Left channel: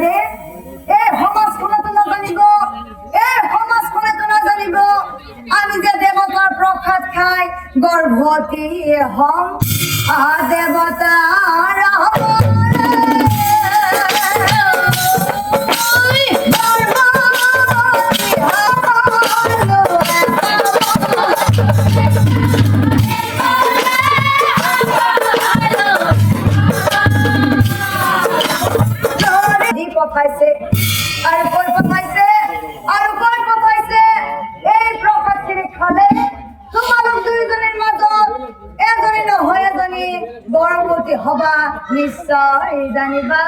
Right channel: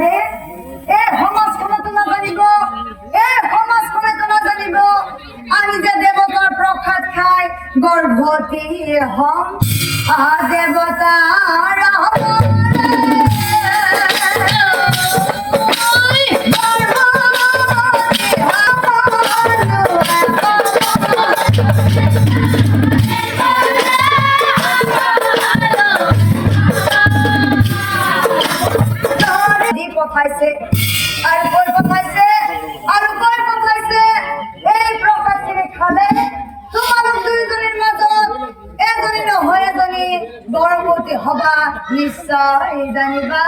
রে এ সমাজ খনে তো না জানিব এ সমাজ খনে তো না জানিব আমি যে দেবতার প্রসাদ খাই গর্ভবতী হম দেবতার পাইছে আর কই পাইছে আর কই পাইছে এই প্রকাশ কিনে খালে তোমাদের দুইজনের মাজত এজনে হয়ে জানি গর্ভবতী হবা নিশ্চয় জানিবা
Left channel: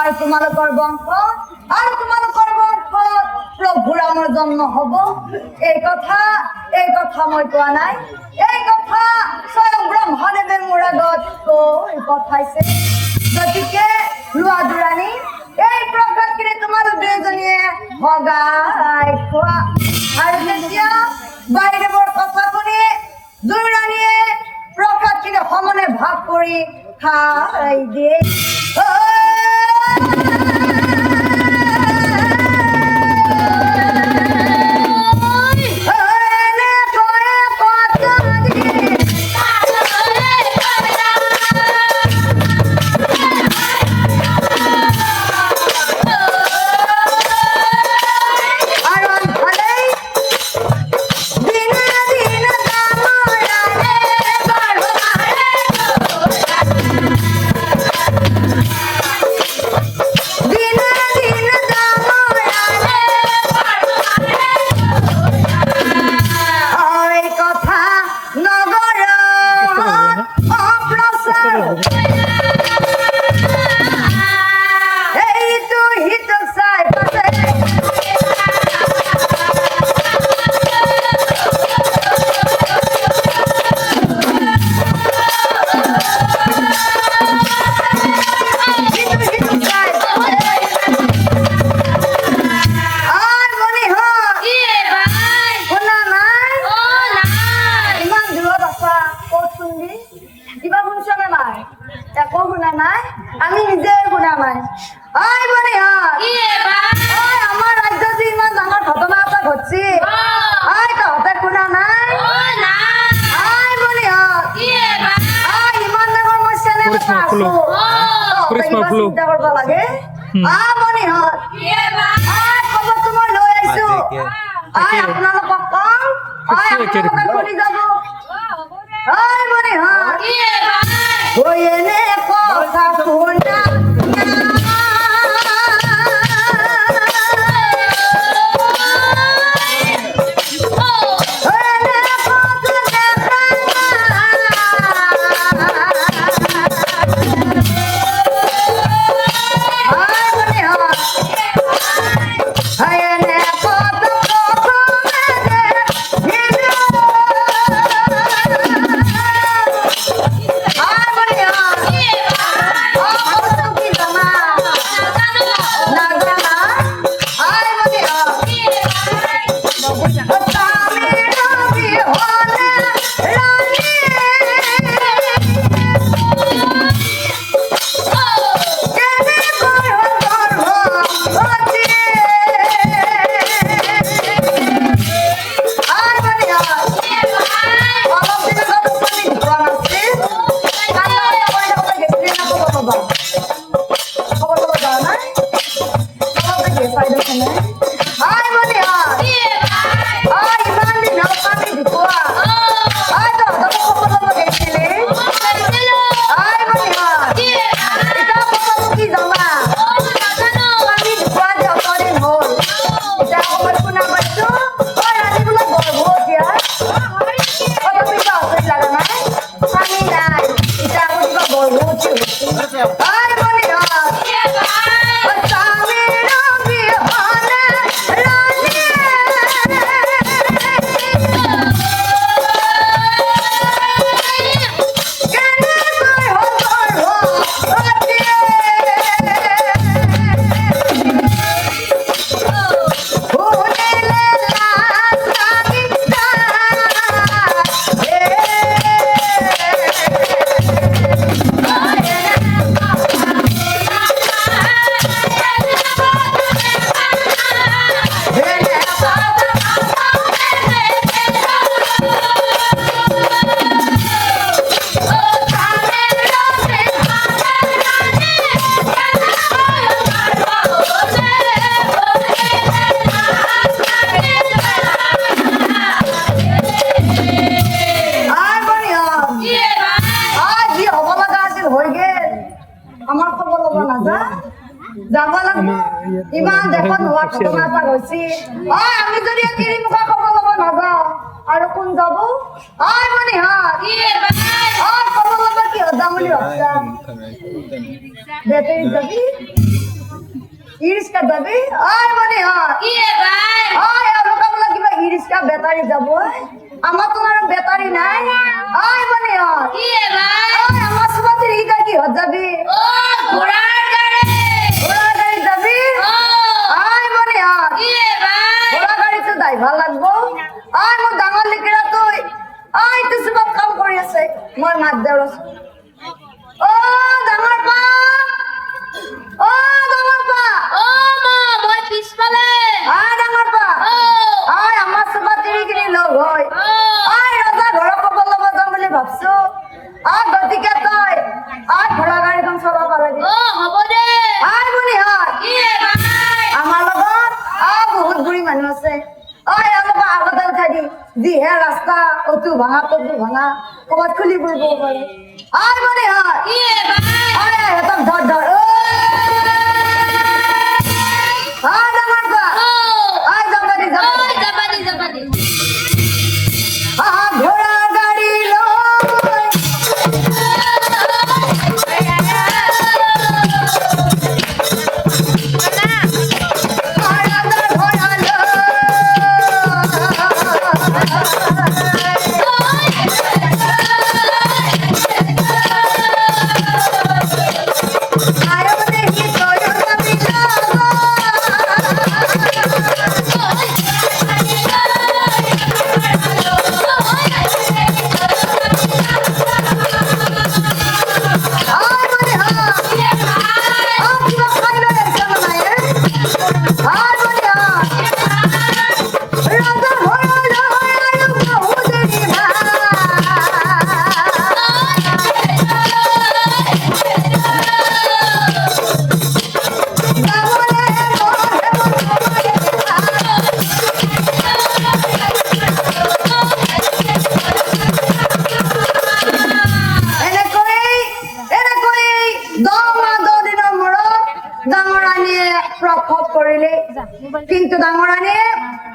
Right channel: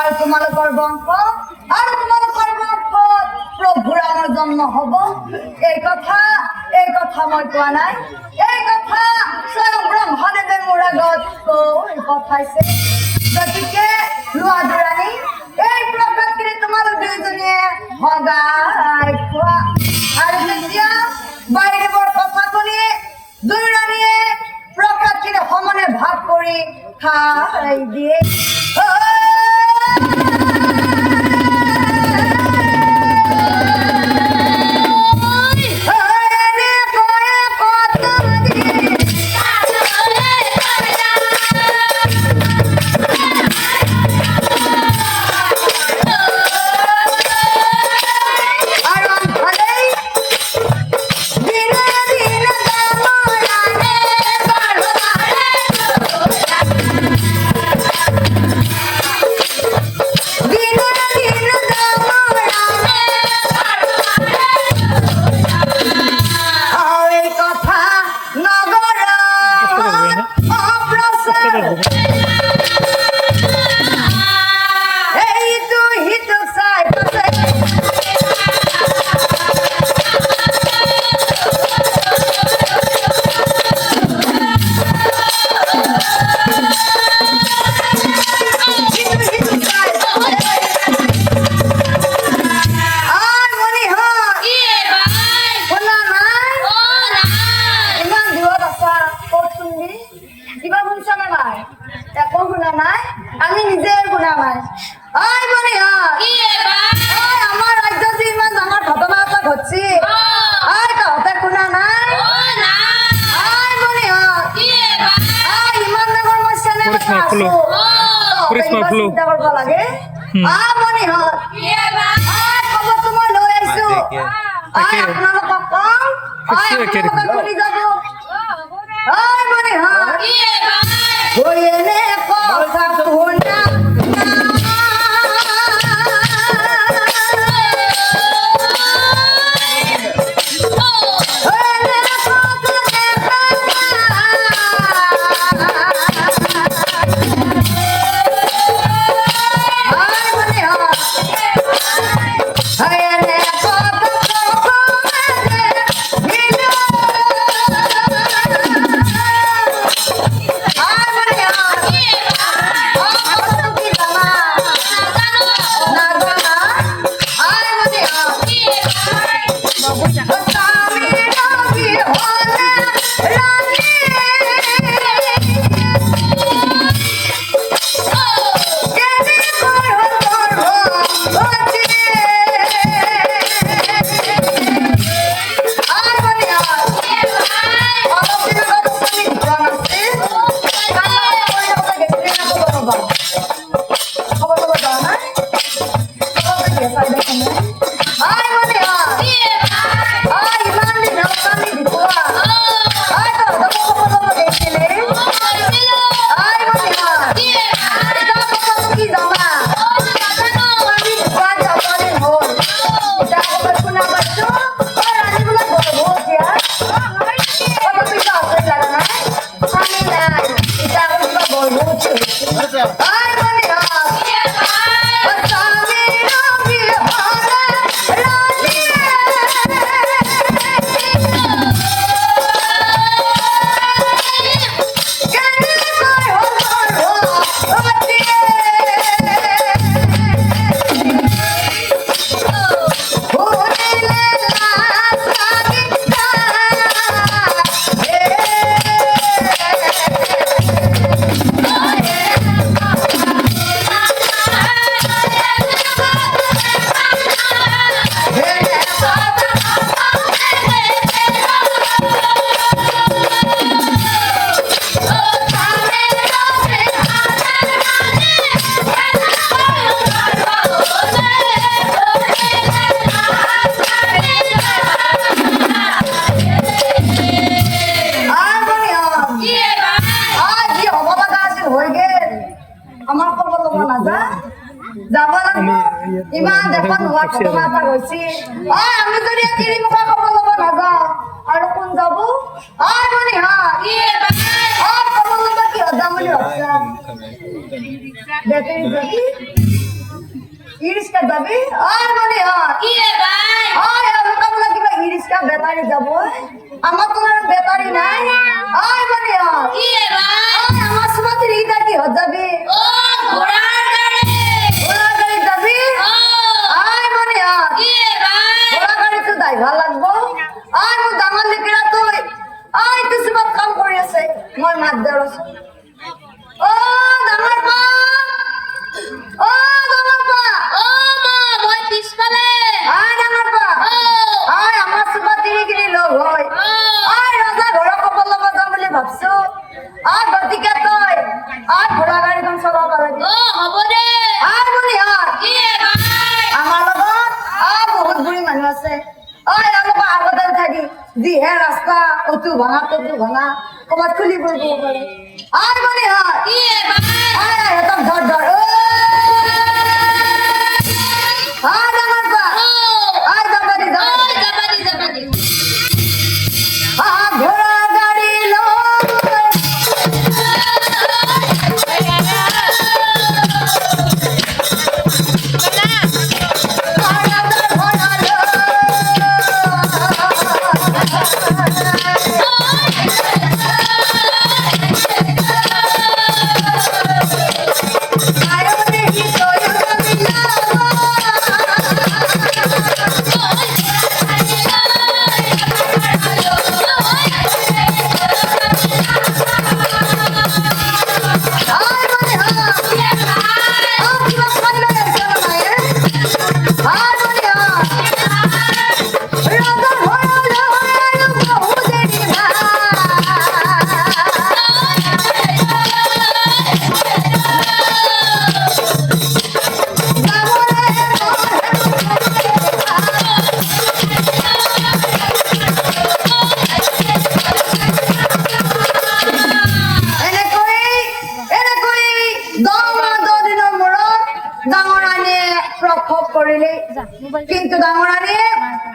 আর তোমালোকৰ বংশ আর তোমালোকৰ বংশ প্রভুর আমার জন্ম হব এই কথা মই কোৱা নাই এই কথা স্বয়ং ব্রহ্মদেবের মোরাগত কৈ পঠাইছে গতিকে লোৱা দুৰাণী এই প্রকাশ কিনে তোমাদের দুইজনে হগাই খোৱা আর এতিয়া বাইরে বড় কথা শুনে দুরাণী প্রকাশ কিনে সমানে ভাগ কৰি খাই দিয়ে আমি নিজের গুণা নাই আই মানে আমার রাজ্য যে ইমান ডাঙৰ ঘটনা এটা ঘটছি আই তহঁতে শুনা নাই আই মানে আই ইমান ডাঙৰ সমস্যা নে কৃষ্ণ ফুলো চিন্তা কৰিব লাগে মানে আই খবৰটো মই লৈ আহিছো আই আপোনালোকক কম আই কৰি যাব আই মানে গৈনে কথা শুনা ইমান দেখোন হোৱা ঘটনা এটা হৈছে আমি যদি তিৰি মুখা খবৰ ল'ব নাযাওঁ আৰু কোন যাব মানে খবৰ ল'ব কিয় যাম বুলি ভাবছা বেটাৰী যাবি ইৰিক্সা যাবি মানে মোকাবিলা কিবা ইৰিক্সা বেটাৰী যাব আমার তো আর বেটারি নাই মানে আমার সুমাতির ইটা কি যাবি ঘোড়ার গাড়ি যাবি মানে ঘোড়া গাড়ি তো ড্রাইভার লাগবো মোৰ ডাঙৰ লিখিৰা তুই কিছুমান কাম কৰি আছে মই মাত দেৰ আছো ডাঙৰ পা ডাঙৰ পা মই পিছফালে ডাঙৰ পা আমাৰ সুমাতিৰ কিনি লগ হয় ৰজা ঘৰৰ খবৰ ল'ব যাম বুলি ভাবছো গতিকে তই ঘোড়া গাড়ীখন চলাব লাগে হ'ব দে বুলি আমাৰ লগত বহুত বুঢ়ী মানুহ আছে অলপ আগতে উঠাই দি যিহে ৰাস্তা অতু ভাঙা ততু ভাঙা ক'ৰবাত খুলি ফুৰিব পাৰে মানে সিহঁতক ধৰ ধৰ ঘোড়া গাড়ী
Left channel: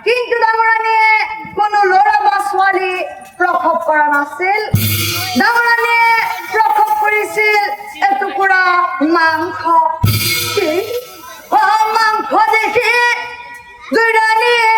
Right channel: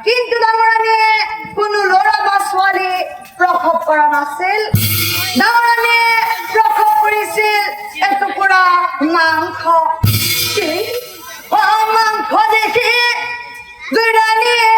কিন্তু ডাঙৰাণীয়ে কোনো ল'ৰা বা ছোৱালী প্ৰসৱ কৰা নাছিল ডাঙৰাণীয়ে প্ৰসৱ কৰিছিল এটুকুৰা মাংস মাংস দেখি দুইৰাণীয়ে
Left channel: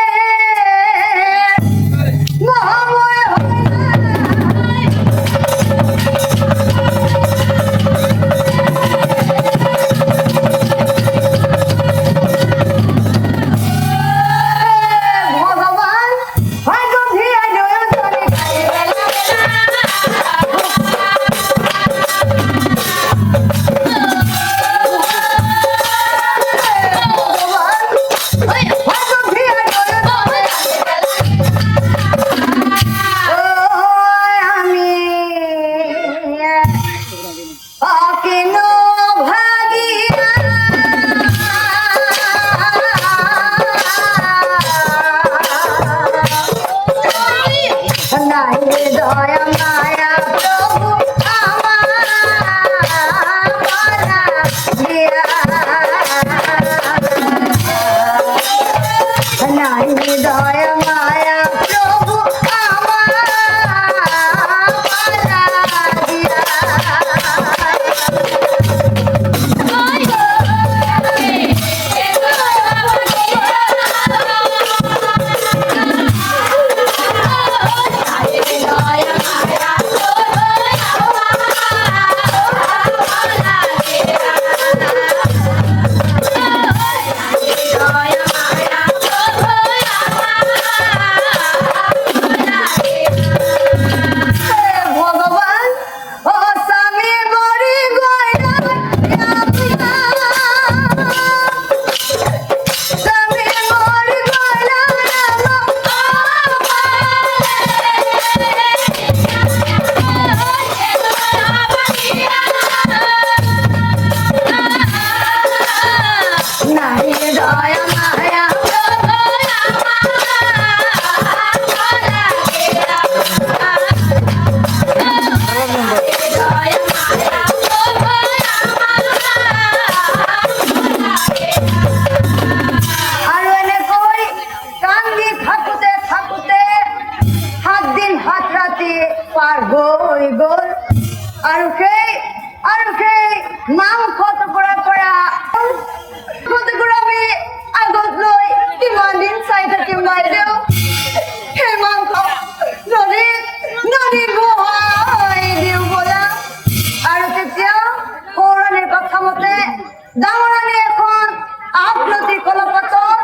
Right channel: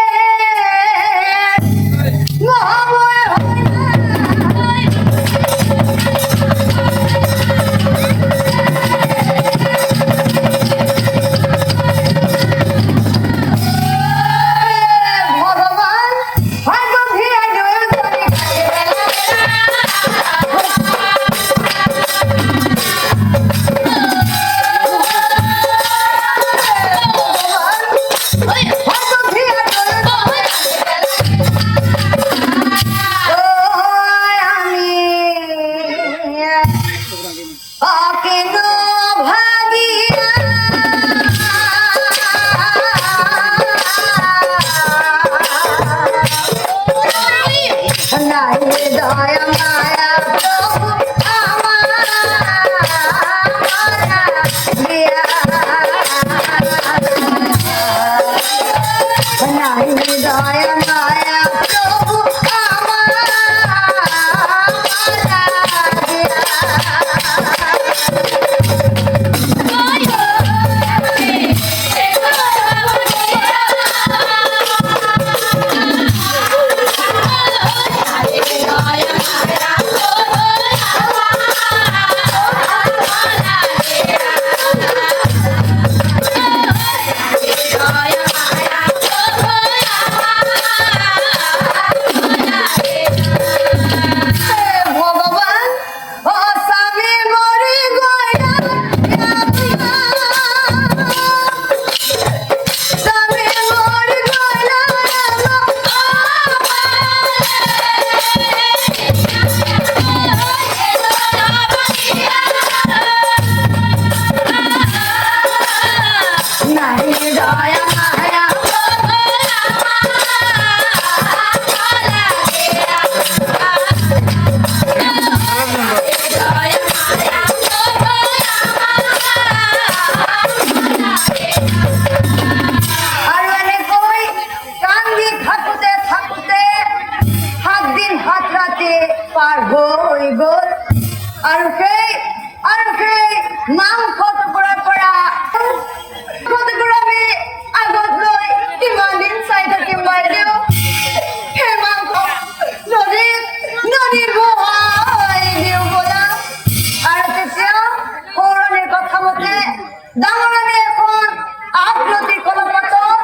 নদী কলপথত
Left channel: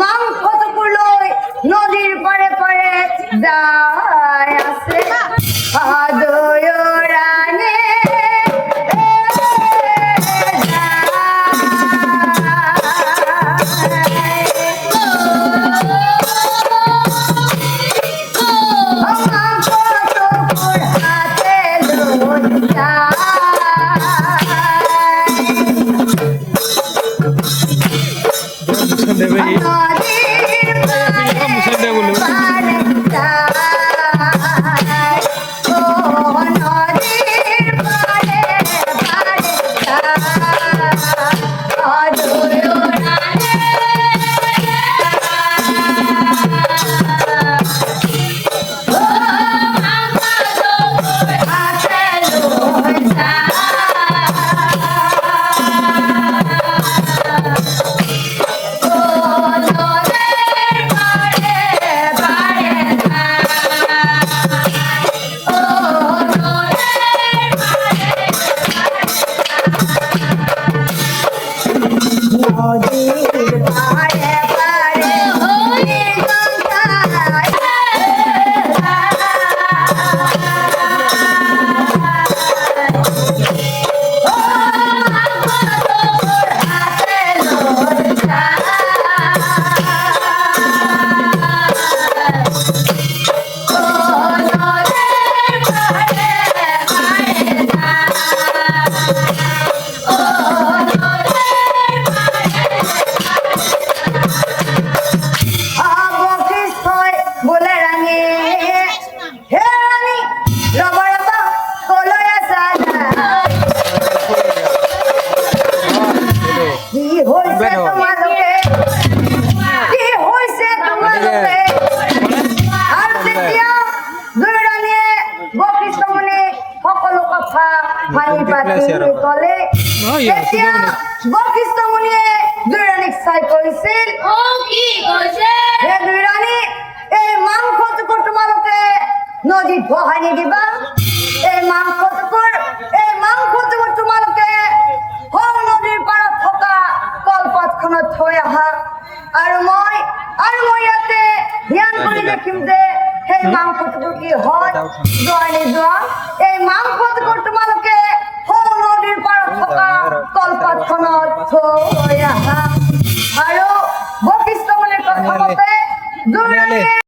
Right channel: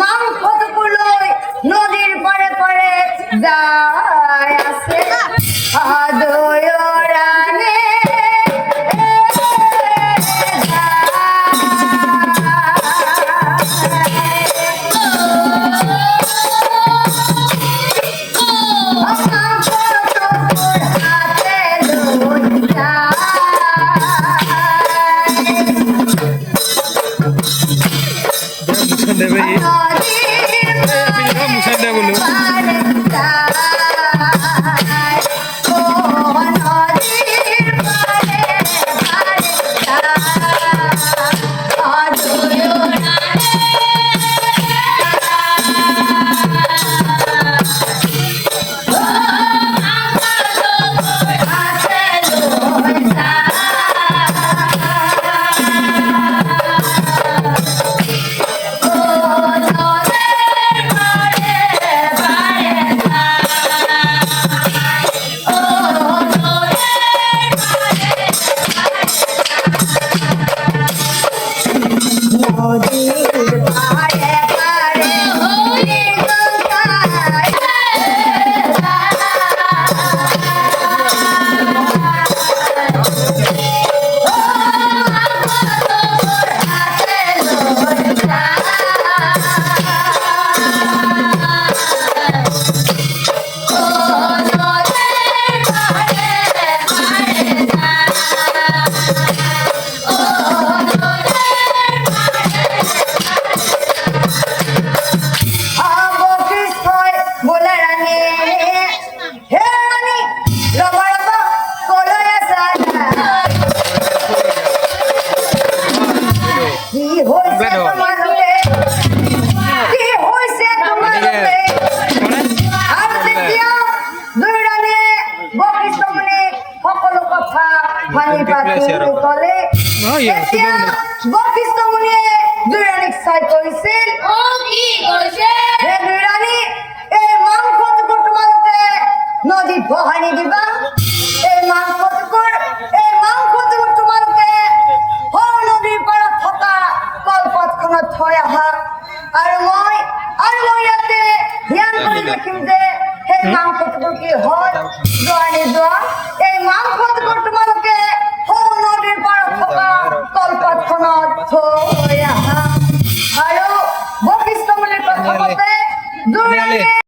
মাংসটুকু লৈ নদীৰ পাৰে পাৰে যায় আছে আদয়ৰানে দেবে মুসাই দে বলো বশিষ্ঠমুনিয়ে দুইৰাণীক চাই কৈছিল কি কৈছে হে দুইৰাণী এই মাংসটুকুৰ তোমালোকে নদীত বহাই নিদিবা এই মাংসটুকুৰ তোমালোকে সৰু নদীৰ পাৰত থকা কলপাতখনত থৈ আহা আৰু মই ইয়াতে ধ্যান কৰি দেখিম যে সেই মাংসটুকুৰ কি হয় যোৱা নিযোৱা এই মাংসটুকুৰ তোমালোকে সৰু নদীৰ পাৰত থকা কলপাতখনত থৈ আহা আৰু বশিষ্ঠমুনিৰ কথা মতে দুইৰাণীয়ে